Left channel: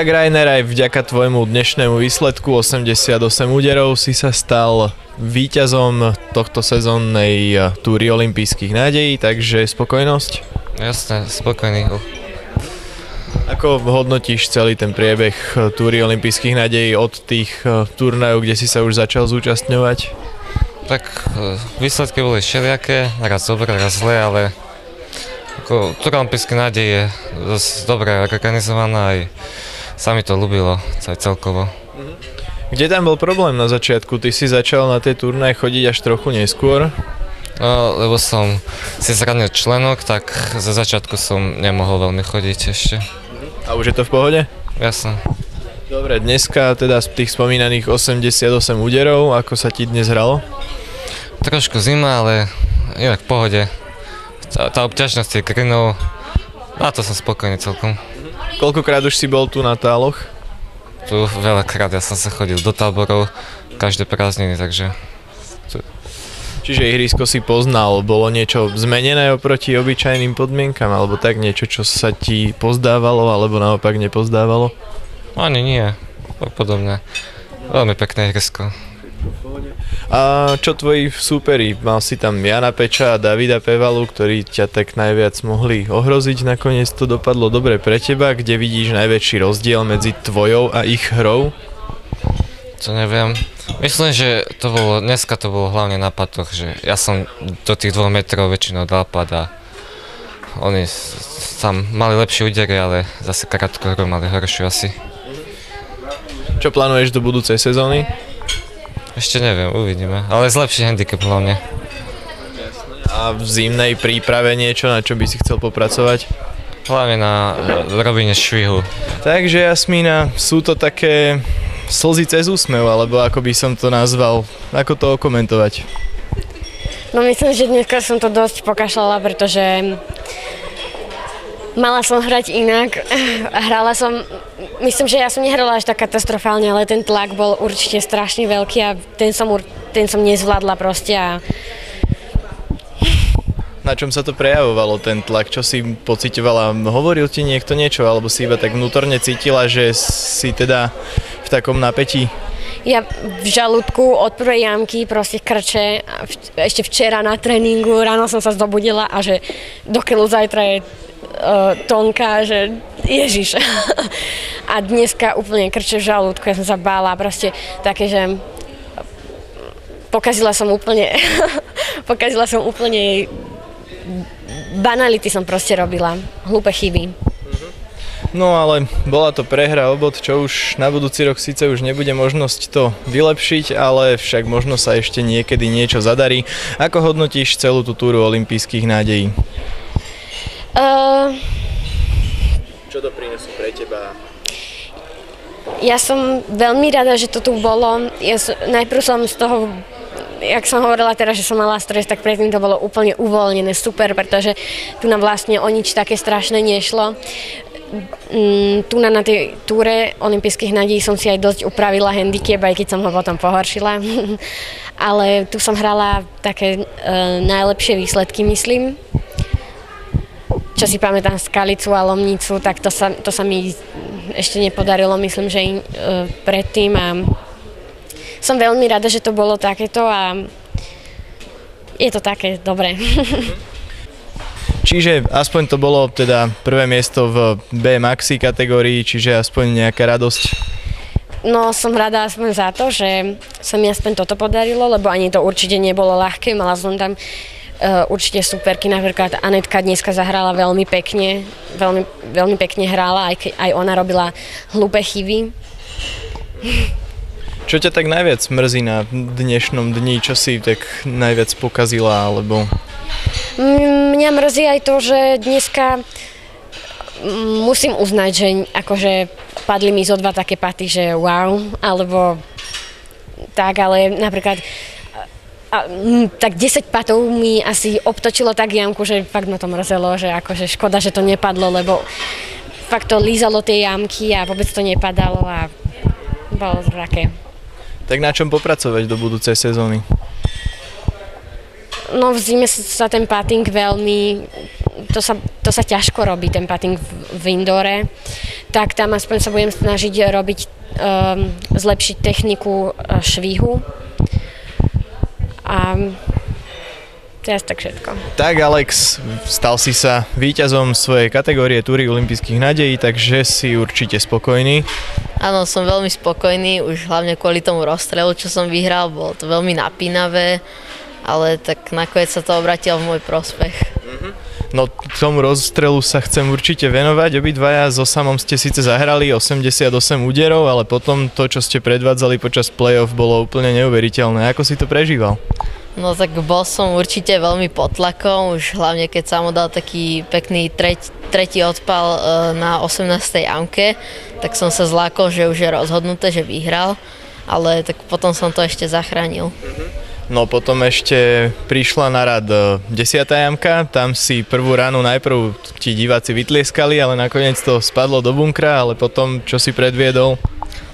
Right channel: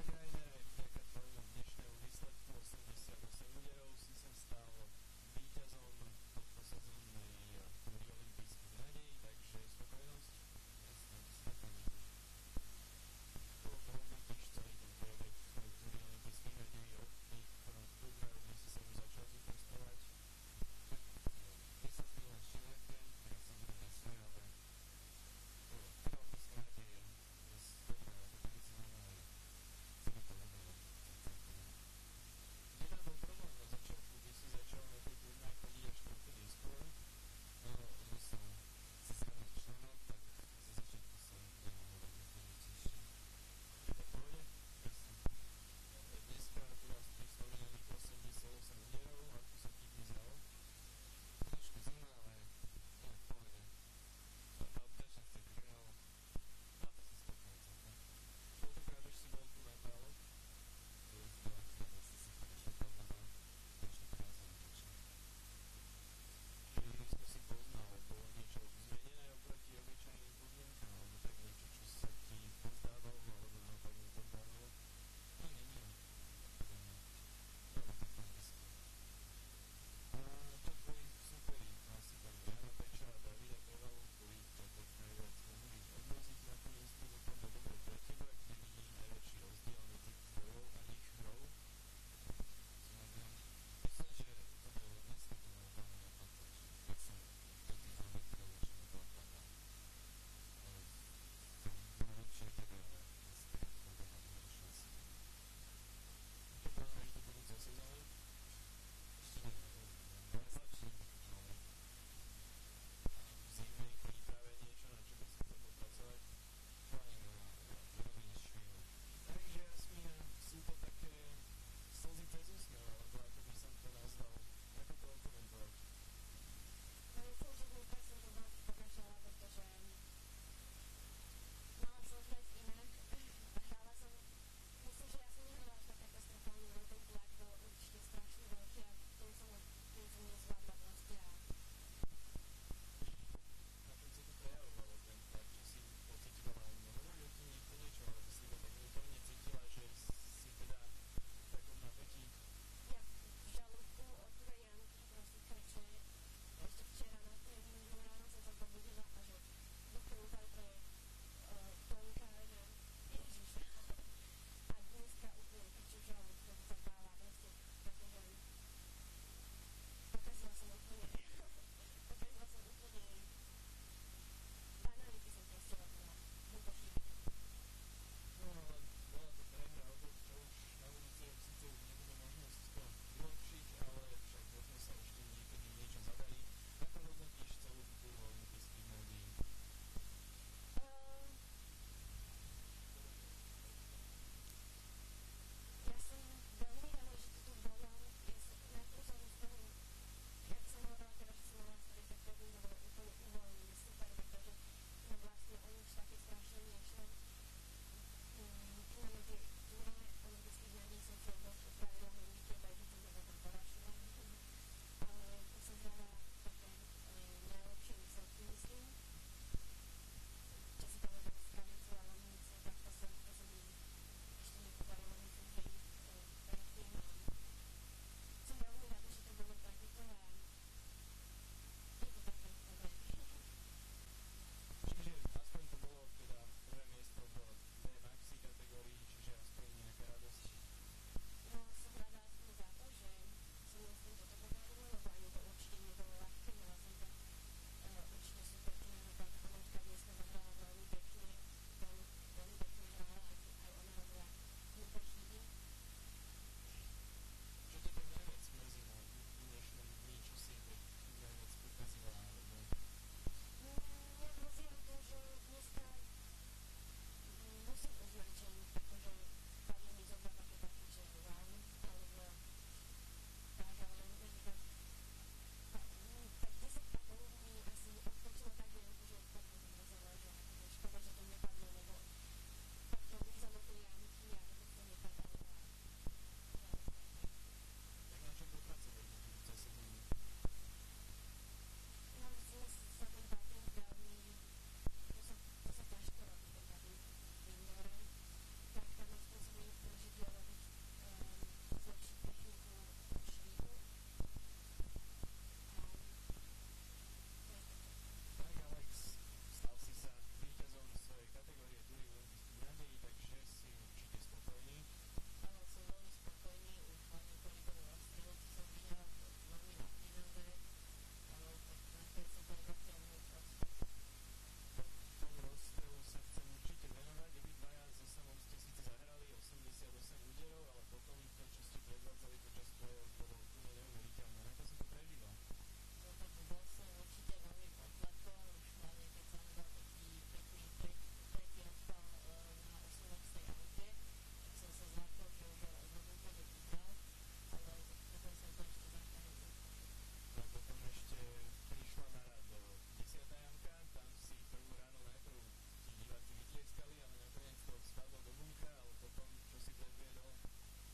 Tak Rainer, aj vďaka tvojmu dnešnému výsledku 88 úderov si sa stal víťazom tohto sezónnej túry olympijských nádejí, takže spokojnosť? Jasné, spokojný. Ako hodnotíš celý ten priebeh túry olympijských nádejí od tých turnajov, kde si sa už začal zúčastňovať? Tak výsledky boli všelijaké, raz dobré, raz zlé, ale túra olympijských nádejí je dosť dobre organizovaná, aj sa mi to ľúbilo celkovo. Kde tam bol problém na začiatku? Ty si začal na tie turnaje chodiť až trochu neskôr? No, lebo som si zranil členok, tak za začiatku som nemohol veľmi chodiť ešte. A už je to v pohode? Jasné. Dobre, dneska teda z tých spomínaných 88 úderov, ako sa ti dnes hralo? Trošku zima, ale inak v pohode. Tá obťažnosť je grinov, a to som spokojný celkom. Koľkokrát už si bol tu na táloch? Tu veľakrát, ja som sa chodil do táborov každé prázdniny, takže... Čiže ihrisko si poznal, bolo niečo zmenené oproti obyčajným podmienkam, alebo tak niečo, čo sa ti pozdávalo, alebo naopak nepozdávalo? Ani nie, tak podobne. Veľmi pekné ihrisko. A čo tvoji súperi? Mal si tam Jana Peča a Davida Pevalu, ktorí ťa tak najviac mohli ohroziť. Nakoniec to dopadlo dobre pre teba. Kde vidíš najväčší rozdiel medzi tvojou a ich hrou? To neviem. Myslím, že dneska to bolo hlavne na patoch, že ja som do tých 2 metrov väčšinou dal pad a oni tam mali lepšie údery, ale zase krátko hru mali horšiu asi. Čo plánuješ do budúcej sezóny? Ešte neviem, uvidíme, ale zlepší handicap hlavne. A v zimnej príprave niečo, na čo by si chcel popracovať? Hlavne na robenie švihu. Takže Jasmína, sú to také slzy cez úsmev, alebo ako by som to nazval, ako to okomentovať? No myslím, že dneska som to dosť pokašľala, pretože mala som hrať inak. Hrala som, myslím, že ja som nehrala až tak katastrofálne, ale ten tlak bol určite strašne veľký a ten som nezvládla proste a... Na čom sa to prejavovalo, ten tlak? Čo si pociťovala? Hovoril ti niekto niečo, alebo si iba tak vnútorne cítila, že si teda v takom napätí? Ja v žalúdku od prvej jamky proste krče. Ešte včera na tréningu ráno som sa zobudila a že do keľu zajtra je tonka, že ježiš. A dneska úplne krče v žalúdku, ja som sa bála, proste také, že pokazila som úplne banality som proste robila, hlúpe chyby. No ale bola to prehra o bod, čo už na budúci rok síce už nebude možnosť to vylepšiť, ale však možno sa ešte niekedy niečo zadarí. Ako hodnotíš celú tú túru olympijských nádejí? Čo to prinesú pre teba? Ja som veľmi rada, že to tu bolo. Najprv som z toho, jak som hovorila teraz, že som mala stres, tak predtým to bolo úplne uvoľnené, super, pretože tu nám vlastne o nič také strašné nešlo. Tu na tej túre olympijských nádejí som si aj dosť upravila handicap, aj keď som ho potom pohoršila. Ale tu som hrala také najlepšie výsledky, myslím. Čo si pamätám Skalicu a Lomnicu, tak to sa mi ešte nepodarilo, myslím, že predtým. A som veľmi rada, že to bolo takéto a je to také dobré. Čiže aspoň to bolo teda prvé miesto v B maxi kategórii, čiže aspoň nejaká radosť? No som rada aspoň za to, že sa mi aspoň toto podarilo, lebo ani to určite nebolo ľahké. Mala som tam určite superky, napríklad Anetka dneska zahrala veľmi pekne, veľmi pekne hrála, aj ona robila hlúpe chyby. Čo ťa tak najviac mrzí na dnešnom dni, čo si tak najviac pokazila, alebo... Mňa mrzí aj to, že dneska musím uznať, že akože padli mi zo 2 také paty, že wow, alebo tak, ale napríklad tak 10 patov mi asi obtočilo tak jamku, že fakt ma to mrzelo, že akože škoda, že to nepadlo, lebo fakt to lízalo tie jamky a vôbec to nepadalo a bolo to také. Tak na čom popracovať do budúcej sezóny? No v zime sa ten putting veľmi, to sa ťažko robí, ten putting v indore, tak tam aspoň sa budem snažiť zlepšiť techniku švihu. A to je asi tak všetko. Tak Alex, stal si sa víťazom svojej kategórie túry olympijských nádejí, takže si určite spokojný. Áno, som veľmi spokojný, už hlavne kvôli tomu rozstrelu, čo som vyhral, bolo to veľmi napínavé, ale tak nakoniec sa to obratilo v môj prospech. No k tomu rozstrelu sa chcem určite venovať. Obidvaja so Samom ste síce zahrali 88 úderov, ale potom to, čo ste predvádzali počas play-off, bolo úplne neuveriteľné. Ako si to prežíval? No tak bol som určite veľmi pod tlakom, už hlavne keď Samo dal taký pekný tretí odpal na 18. jamke, tak som sa zlákol, že už je rozhodnuté, že vyhral, ale tak potom som to ešte zachránil. No potom ešte prišla na rad 10. jamka, tam si prvú ránu najprv ti diváci vytlieskali, ale nakoniec to spadlo do bunkra, ale potom čo si predviedol?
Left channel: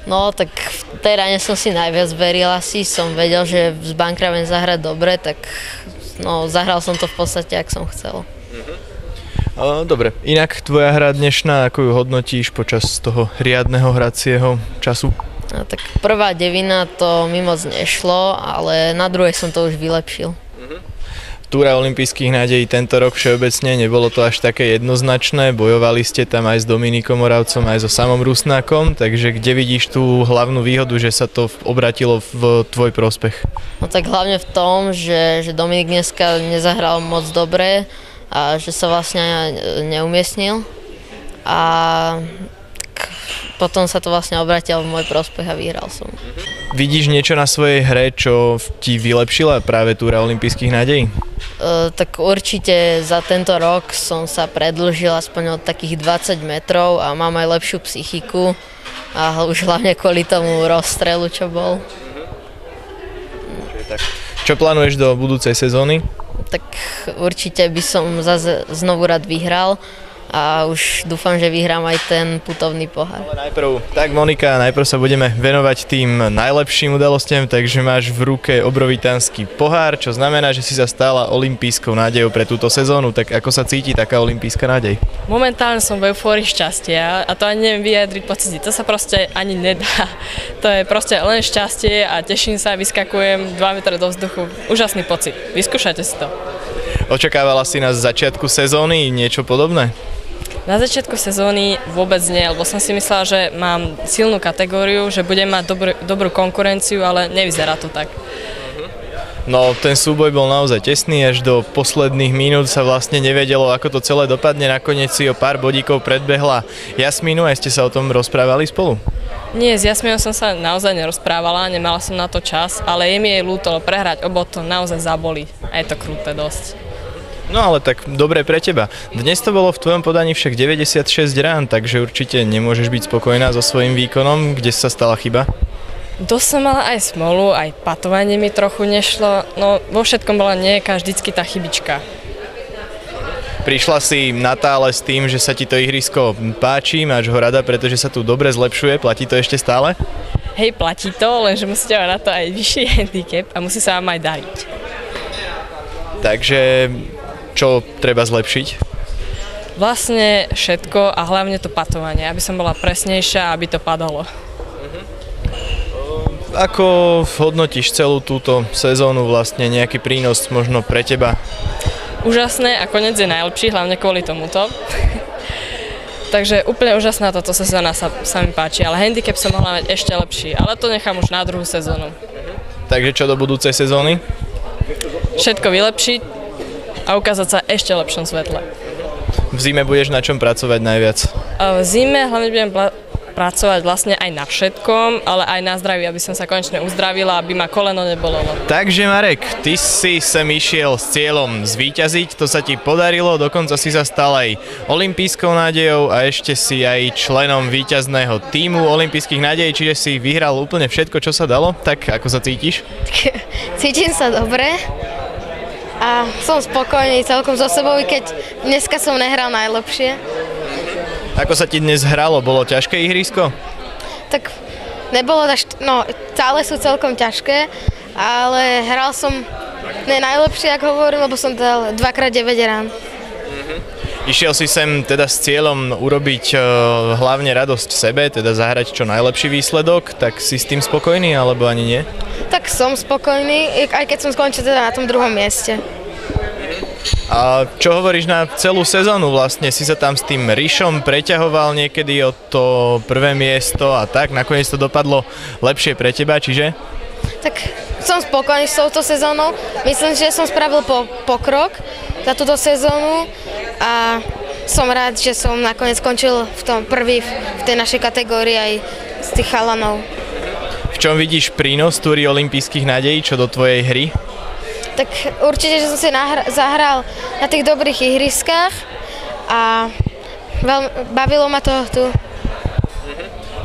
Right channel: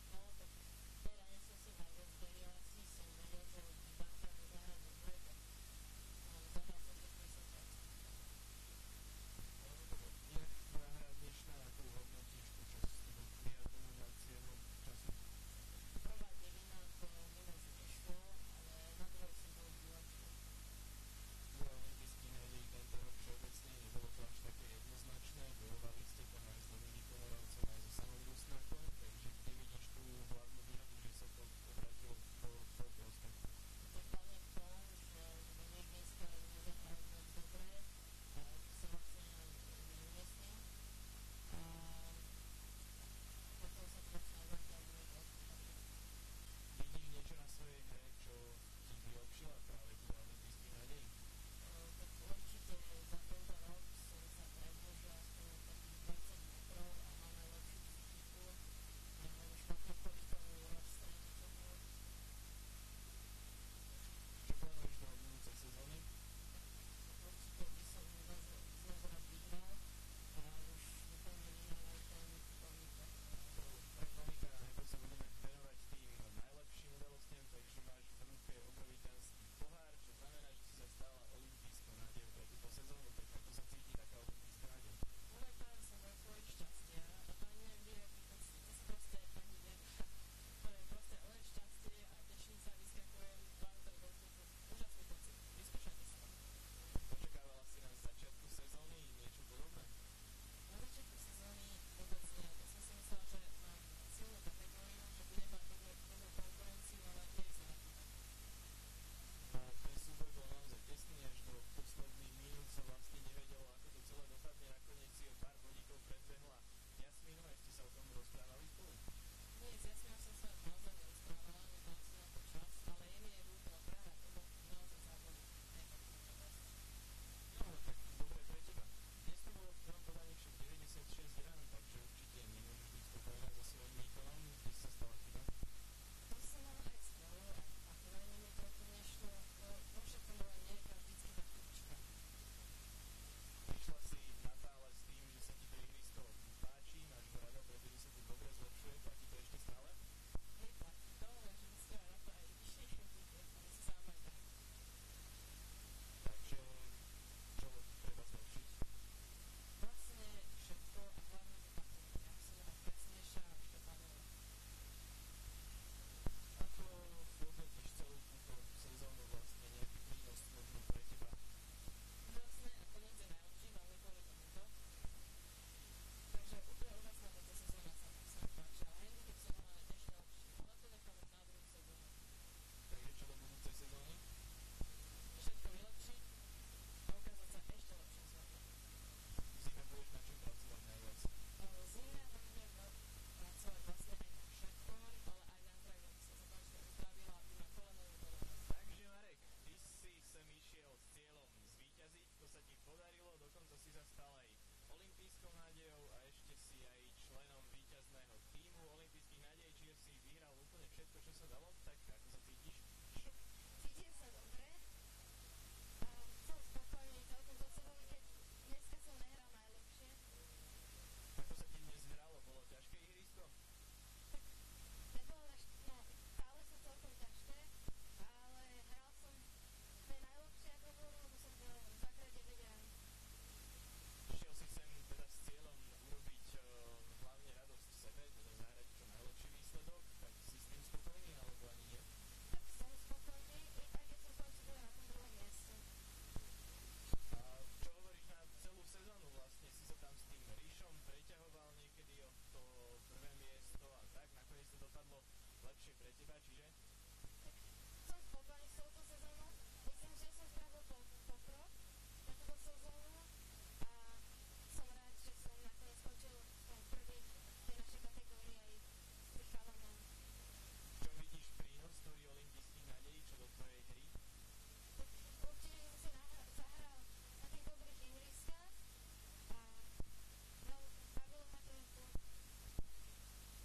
No tak v tej ráne som si najviac veril asi, som vedel, že z bunkra viem zahrať dobre, tak no, zahral som to v podstate, ak som chcel. Dobre, inak tvoja hra dnešná, ako ju hodnotíš počas toho riadneho hracieho času? No, tak prvá devina to mi moc nešlo, ale na druhej som to už vylepšil. Túra olympijských nádejí tento rok všeobecne nebolo to až také jednoznačné, bojovali ste tam aj s Dominikom Moravcom, aj so Samom Rusnákom, takže kde vidíš tú hlavnú výhodu, že sa to obratilo v tvoj prospech? No tak hlavne v tom, že Dominik dneska nezahral moc dobre a že sa vlastne neumiestnil a potom sa to vlastne obratilo v môj prospech a vyhral som. Vidíš niečo na svojej hre, čo ti vylepšila práve túra olympijských nádejí? Tak určite za tento rok som sa predĺžil aspoň od takých 20 metrov a mám aj lepšiu psychiku a už hlavne kvôli tomu rozstrelu, čo bol. Čo plánuješ do budúcej sezóny? Tak určite by som zase znovu rád vyhral a už dúfam, že vyhrám aj ten putovný pohár. Ale Monika, najprv sa budeme venovať tým najlepším udalostiam, takže máš v ruke obrovitánsky pohár, čo znamená, že si sa stala olympijskou nádejou pre túto sezónu. Tak ako sa cíti taká olympijská nádej? Momentálne som v eufórii šťastia a to ani neviem vyjadriť pocity, to sa proste ani nedá. To je proste len šťastie a teším sa, vyskakujem 2 metre do vzduchu. Úžasný pocit, vyskúšajte si to. Očakávala si na začiatku sezóny niečo podobné? Na začiatku sezóny vôbec nie, lebo som si myslela, že mám silnú kategóriu, že budem mať dobrú konkurenciu, ale nevyzerá to tak. No, ten súboj bol naozaj tesný, až do posledných minút sa vlastne nevedelo, ako to celé dopadne. Nakoniec si o pár bodíkov predbehla Jasmínu, aj ste sa o tom rozprávali spolu? Nie, s Jasmínou som sa naozaj nerozprávala, nemala som na to čas, ale je mi jej ľúto, prehrať o bod to naozaj zabolí a je to kruté dosť. No ale tak dobre pre teba. Dnes to bolo v tvojom podaní však 96 rán, takže určite nemôžeš byť spokojná so svojím výkonom. Kde sa stala chyba? Dosť som mala aj smolu, aj patovanie mi trochu nešlo, no vo všetkom bola nejaká vždycky tá chybička. Prišla si na tále s tým, že sa ti to ihrisko páči, máš ho rada, pretože sa tu dobre zlepšuje, platí to ešte stále? Hej, platí to, lenže musíte mať na to aj vyšší handicap a musí sa vám aj dariť. Takže čo treba zlepšiť? Vlastne všetko a hlavne to patovanie, aby som bola presnejšia, aby to padalo. Ako hodnotíš celú túto sezónu, vlastne nejaký prínos možno pre teba? Úžasné a koniec je najlepší, hlavne kvôli tomuto. Takže úplne úžasná táto sezóna sa mi páči, ale handicap som mohla mať ešte lepší, ale to nechám už na druhú sezónu. Takže čo do budúcej sezóny? Všetko vylepšiť a ukázať sa ešte v lepšom svetle. V zime budeš na čom pracovať najviac? V zime hlavne budem pracovať vlastne aj na všetkom, ale aj na zdraví, aby som sa konečne uzdravila, aby ma koleno nebolelo. Takže Marek, ty si sem išiel s cieľom zvíťaziť, to sa ti podarilo, dokonca si sa stal aj olympijskou nádejou a ešte si aj členom víťazného tímu olympijských nádejí, čiže si vyhral úplne všetko, čo sa dalo. Tak ako sa cítiš? Cítim sa dobre a som spokojný celkom so sebou, keď dneska som nehral najlepšie. Ako sa ti dnes hralo? Bolo ťažké ihrisko? Tak nebolo, stále sú celkom ťažké, ale hral som najlepšie, ako hovorím, lebo som dal 2x9 rán. Išiel si sem teda s cieľom urobiť hlavne radosť sebe, teda zahrať čo najlepší výsledok, tak si s tým spokojný alebo ani nie? Tak som spokojný, aj keď som skončil teda na tom druhom mieste. A čo hovoríš na celú sezónu vlastne? Si sa tam s tým Rišom preťahoval niekedy o to prvé miesto a tak, nakoniec to dopadlo lepšie pre teba, čiže? Tak som spokojný s touto sezónou. Myslím, že som spravil pokrok za túto sezónu a som rád, že som nakoniec skončil v tom prvý v tej našej kategórii aj z tých chalanov. V čom vidíš prínos túry olympijských nádejí čo do tvojej hry? Tak určite, že som si zahral na tých dobrých ihriskách a bavilo ma to tu.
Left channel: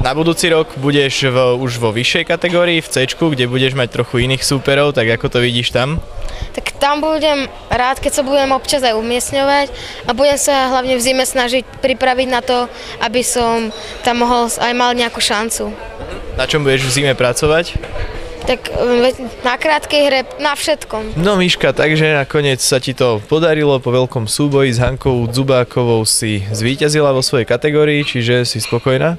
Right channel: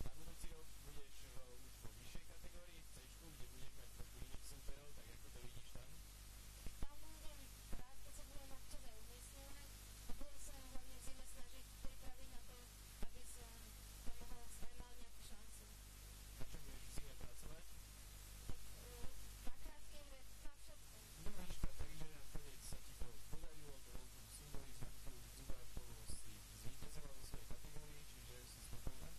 Na budúci rok budeš už vo vyššej kategórii, v C-čku, kde budeš mať trochu iných súperov, tak ako to vidíš tam? Tak tam budem rád, keď sa budem občas aj umiestňovať a budem sa hlavne v zime snažiť pripraviť na to, aby som tam mohol aj mal nejakú šancu. Na čom budeš v zime pracovať? Tak na krátkej hre, na všetkom. No Miška, takže nakoniec sa ti to podarilo, po veľkom súboji s Hankou Dzubákovou si zvíťazila vo svojej kategórii, čiže si spokojná?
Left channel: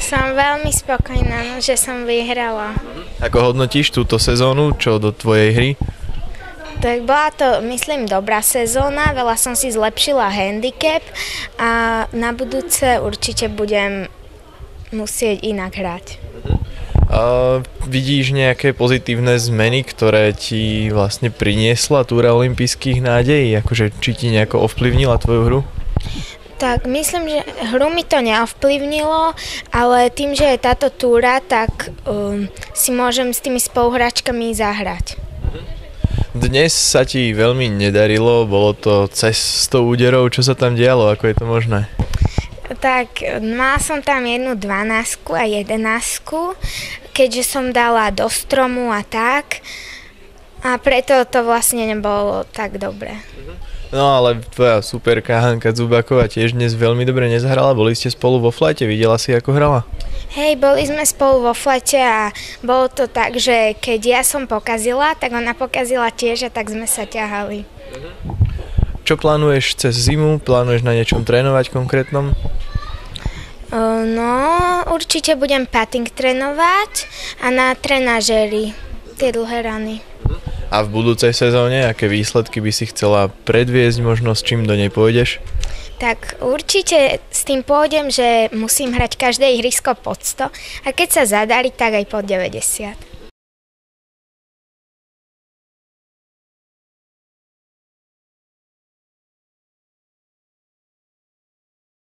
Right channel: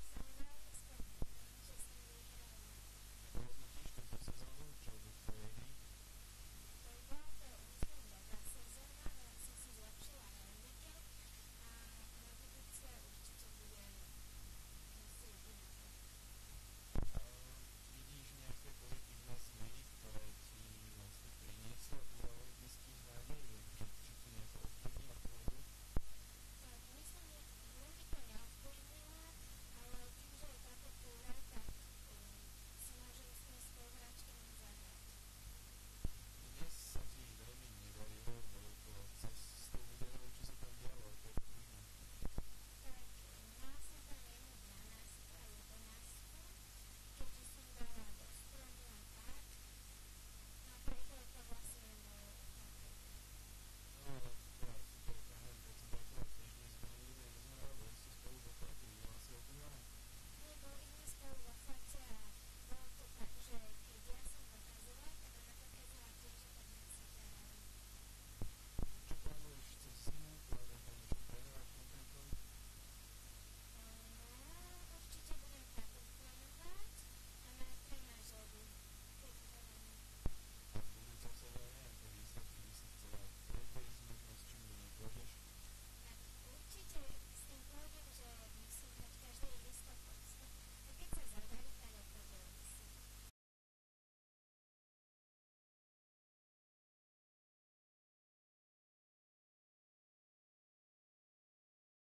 Som veľmi spokojná, že som vyhrala. Ako hodnotíš túto sezónu, čo do tvojej hry? Tak bola to, myslím, dobrá sezóna, veľa som si zlepšila handicap a na budúce určite budem musieť inak hrať. Vidíš nejaké pozitívne zmeny, ktoré ti vlastne priniesla túra olympijských nádejí? Akože či ti nejako ovplyvnila tvoju hru? Tak myslím, že hru mi to neovplyvnilo, ale tým, že je táto túra, tak si môžem s tými spoluhráčkami zahrať. Dnes sa ti veľmi nedarilo, bolo to cez 100 úderov, čo sa tam dialo, ako je to možné? Tak mala som tam jednu 12 a 11, keďže som dala do stromu a tak, a preto to vlastne nebolo tak dobre. No ale tvoja superka Hanka Dzubáková tiež dnes veľmi dobre nezahrala, boli ste spolu vo flajte, videla si ako hrala? Hej, boli sme spolu vo flete a bolo to tak, že keď ja som pokazila, tak ona pokazila tiež a tak sme sa ťahali. Čo plánuješ cez zimu? Plánuješ na niečom trénovať konkrétnom? No, určite budem putting trénovať a na trenažéri tie dlhé rany. A v budúcej sezóne, aké výsledky by si chcela predviesť, možno s čím do nej pôjdeš? Tak určite s tým pôjdem, že musím hrať každé ihrisko pod 100 a keď sa zadarí, tak aj pod 90.